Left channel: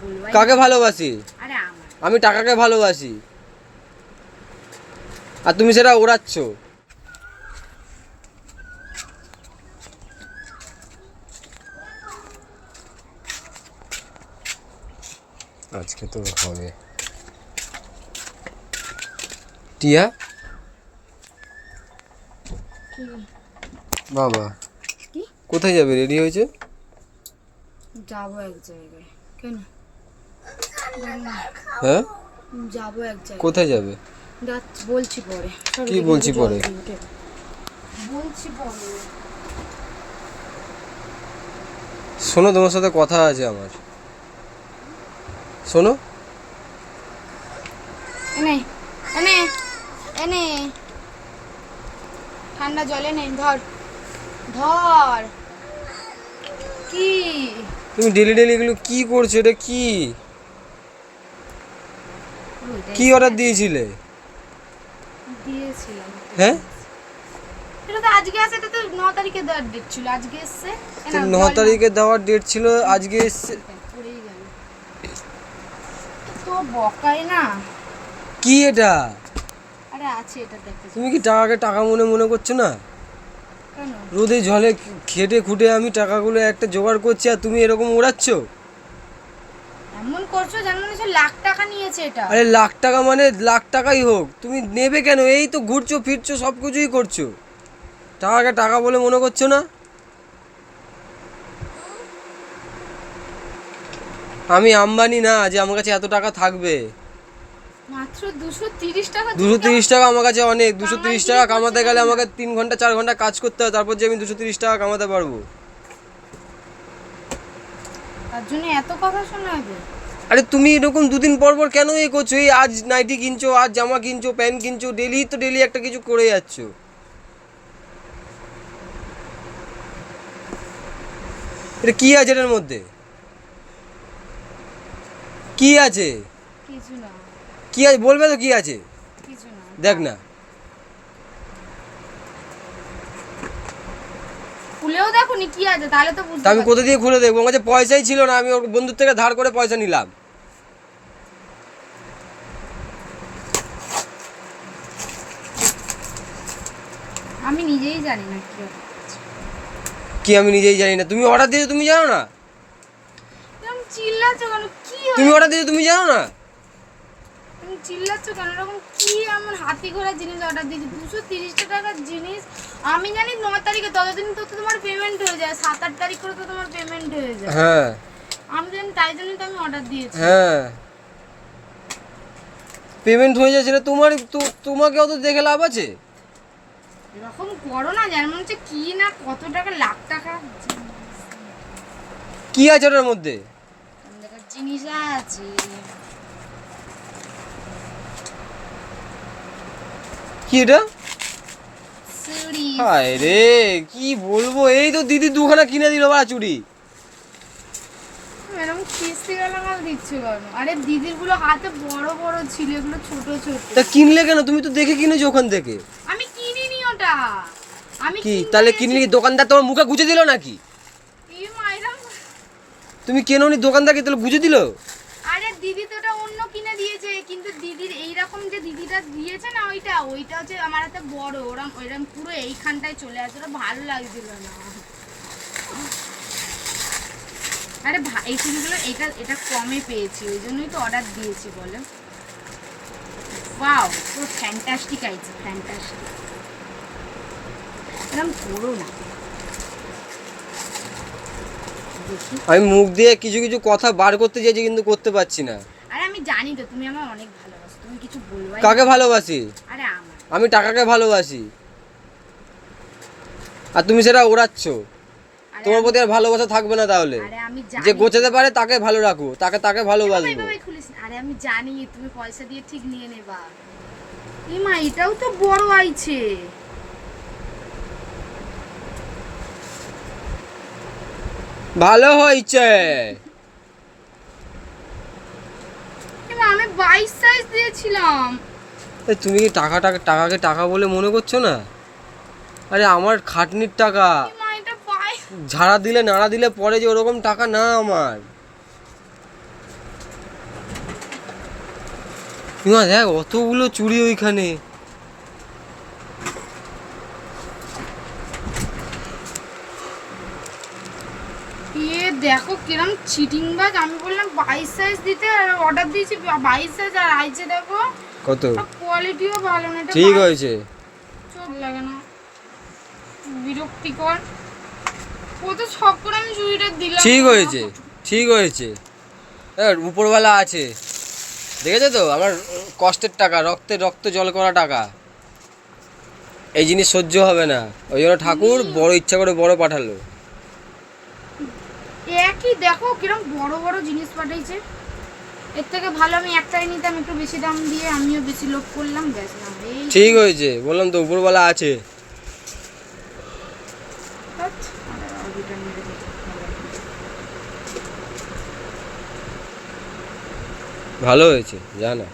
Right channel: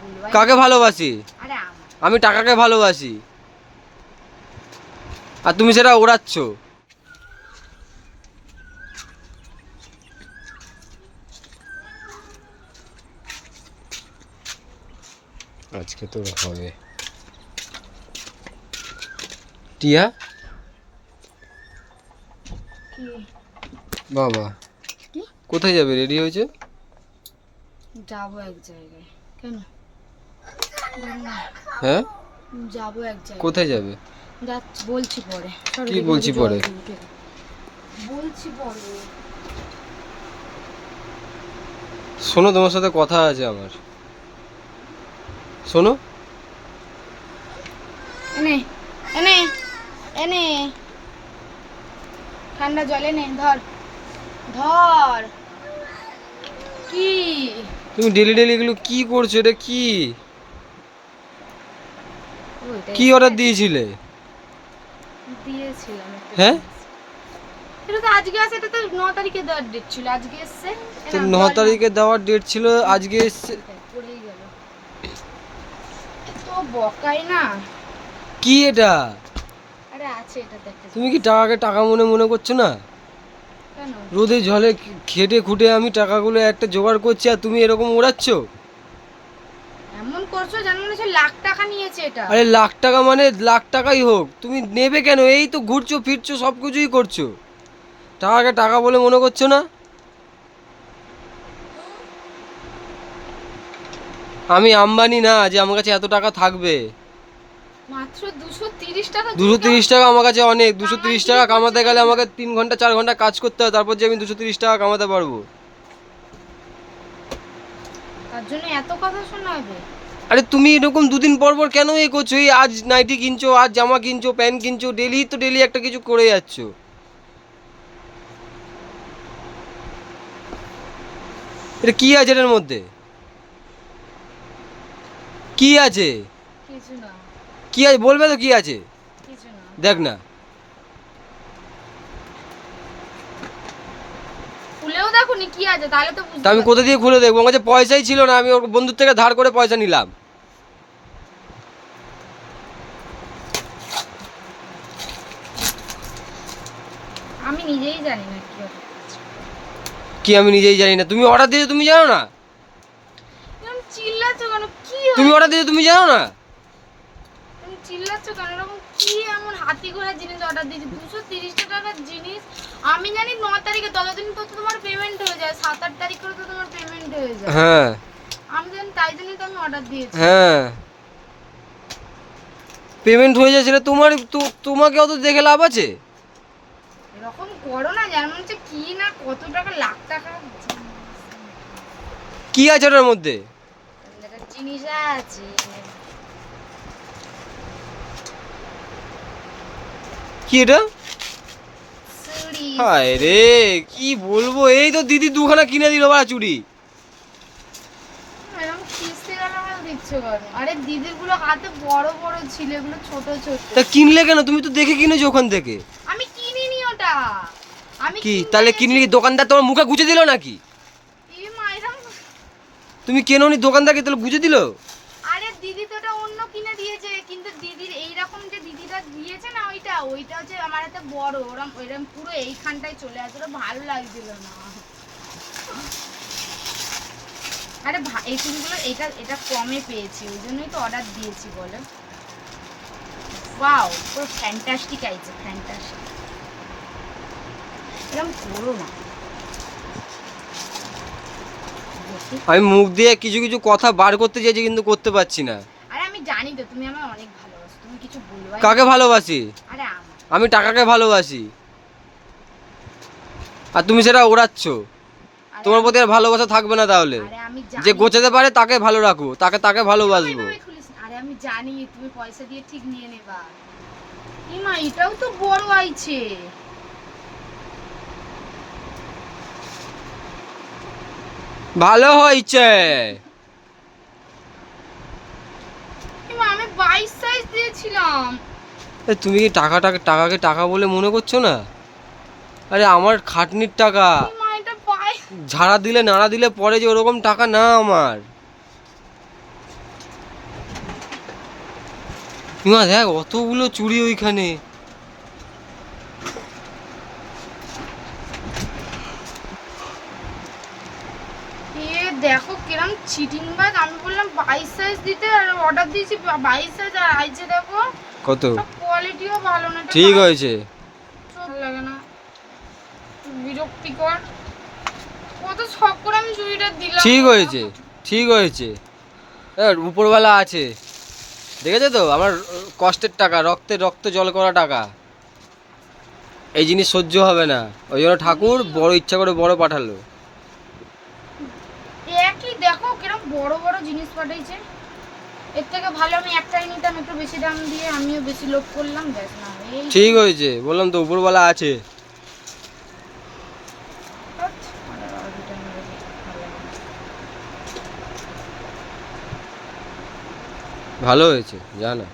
বলবো। কাকে ভালোবাসি? আরে আমার। আমি টাকাকে ভালোবাসি, আর তুমি সেটা ওড়াচ্ছ। আজকে তো হবে। টিয়া কি? বাবা কি? কোথায় যাবে? রেডি হয়েছে? যাবো এক জায়গায়। কেন? হ্যাঁ, যাবো এক জায়গায়। কোথায় যাবে? বলছি পরে। কি বলছি পরে? বলছি পরে। শোনো, তোমার সাথে কথা আছে আমার। শোনো। এনে এনে এনে ঠান্ডা জলে নে, ধর ধর। কি? তুমি ডেলি ডেলি এগুলো কি করছো? এটা কি কি অর্ডার দিয়েছিলে? দিয়েছিলাম। হ্যাঁ, এটা তো আজকে আছে, এটা তো 9 তারিখে দেওয়ার ডেট ছিল, আজকে এসছে। তো 9 তারিখে দেওয়ার ডেট ছিল, আজকে এসছে। পড়েই গেল। তো বকাই না। কি এটা? আরে আছে, এটা দেখতে। তুমি কি টাকাকে টাকা মনে মনে করছো না? কেন? রোদে ঝলে খেটে খুঁটে আমি টাকাগুলো একটা জোগাড় করছি, আর তুমি এরকম ওড়াচ্ছ। এমন করছো যেন মনে হচ্ছে লাখ টাকা নিয়েছে এটা। আরে লাখ টাকা মানে লাখ টাকাই হোক, তুমি নেবে কেন? এই তো ঘুরছো ফিরছো, সব কিছুই করছো, টাকাকে টাকা বলে মনে করছো না? আমি আম্বানি না যে আমার কাছে এত টাকা থাকবে। মাত্র 230 টাকা। 230 টাকা আমার কাছে অনেক। 230 টাকা কামাতে গেলে আমাকে 3 ঘন্টা 4 ঘন্টা কাজ করতে হয়, তারপর যে আমি 230 টাকা কামাতে পারবো। তার জন্য এত কথা শোনাবে? আরে তুমি এরকম দুদিন পর পর কেন এই করছো? এই আজ নাইটি কিনছো, আজ জামা কিনছো, প্যান্ট কিনছো, ডেলি তো ডেলি একটা কিছু করে যাচ্ছো। এটা কি আছে এটার মধ্যে? কি আছে? কিছু না। কি আছে বলবে তো, কি আছে? কিছু না। দেখ না। খুলেও দেখুনি কি আছে, তাহলে তো তা বুঝতে আমি পারছি। কোথা দিয়ে খুলে দেখবো? আমার কাছে পয়সাই ছিল না, আমি ওর বন্ধুর থেকে ধার করে পয়সা নিলাম। আমি নিজেই জানি না কি হবে। কি আমি নিজেই জানি না? তুমি অর্ডার দিয়েছো, তুমি জানো না? তুমি চিল্লাচ্ছ কেন? কি তুমি হয়েছে? অর্ডার দিয়েছো, তুমি জানো না? তুমি চিল্লাচ্ছ কেন? এরকম কি এমন হাতি ঘোড়া জিনিস অর্ডার দিয়েছি? 230 টাকার জিনিস। আমি জানি 9 তারিখে, ততদিন তো তোমার পেমেন্ট হয়ে যায়। 7-8 তারিখ করে তো তোমার পেমেন্ট হয়ে যায়। হ্যাঁ আমি জানি, তাই জন্যই তো আমি অর্ডার দিয়েছি। হ্যাঁ, পেমেন্ট হয়ে যাচ্ছিল তোমার। তোমাকে অত দেখে লাভ আছে? এরকম করো না, যেমন হচ্ছে কি না কত টাকা, লাখ টাকা কি আছে ওটার মধ্যে? জিনিস আছে। কি এটা? চুড়ি। হায় রে, কি বলবো, এই তো দিদি দুখানা কিনে দিল বা চুড়ি। এরকম কিস্তি গেলে মাল দিচ্ছ কেন? আরে দিদির গুলো হাতে বড় বড় ছিল, এগুলো ছোট ছোট। তা কিনলে কেন? তুমি তো দেখে কিনেছো ওখান থেকে। আমি কিনিনি ওটা। আমি কি কিনতে তাহলে গেছি। কিনলি? দোকানদার তোমার মুখে গুজে দিল নাকি? এই মাইরা। তুমি কেননি, দোকানদারকে তাহলে গুজে দিল? আরে দিদি তো ওটা অন্য কিনে দিয়েছে, কিন্তু দিদির এইরকম যে দিদিটা দিয়েছে না, ওইটা হচ্ছে আমার হাতে বড়, ওরম ওইরকম পুরো এইখানটায় চলে আসে, ওটা ভালো লাগছিল না। আরে এই চুড়িগুলো এটা এটা কমে পেয়েছি, ওই জন্যই তো অর্ডার দিয়েছি বলো। ওয়াও, পুরো ফ্যান্টাস্টিক আইছে, ফ্যান্টাস্টিক। এরকম করো না। আমি মুখ দিয়ে কিছু কিছু কথা বার করতে চাইছি, কিন্তু করতে পারছি না। আরে আমি জানি তো তুমি আমায় অনেক ভালোবাসো, তুমি কিছু বলবাই না। কাকে ভালোবাসি? আরে আমার। আমি টাকাকে ভালোবাসি, আর তুমি সেটা ওড়াচ্ছ। আরে তোমার প্রতি আর ভালোবাসা থাকবে না তাহলে। আরে আমি জানি। যে গোছাতে পারে তাকে ভালো রাখো, তাকে ভালোবাসবো। এইভাবে খুলিস না। আরে আমি জানি তুমি পয়সা দিয়ে ঠিক নিয়ে নেবা। এই মা, এটাও তো বড় আইছে। ভালো হয়েছে। আমি 22 সাইজ দিয়েছিলাম। তুমি কি টাকাকে টাকা বলে মনে করছো না? আরে আমার খাটনির টাকা। এই মা, এটা পায়। ঝাড়া দিলে নাড়া দিলে পরে যে ওরকম টাকা না আমার। মা দেখ অতগুলো চুড়ি ওইখানে। এ দেখো কিরম চিটিং বাজ, আমি বললাম 22 সাইজ দিতে আর অর্ডার দিয়েছি 22 সাইজ আর আইছে দেখো কত? কোয়ালিটিও ভালো না, এটা ঠিক হয়েছে। ভালো লাগে না, বিরক্তিকর। কত শখ করে আমি চুড়িটা দিলাম। ঠিক হয়েছে, ঠিক হয়েছে। উপরওয়ালা আছে, দেখেছো তো আমার কষ্টের টাকা, রক্ত জল করা টাকা। এই জিনিস সহ্য হবে না, ওই জন্য ঠাকুর বড় ইচ্ছা করে বড় পাঠালো। একই দেখো কিরম বড় বড় জিনিস পাঠাইছে। এর থেকে ভালো আমি একটাই নিতাম একটু বেশি দাম দিয়ে, আমিও বেশি লোভ করলাম, ব্যাস না এই ঠিক হয়েছে, বললাম তো উপরওয়ালা আছে। ভালো হয়েছে, জানা।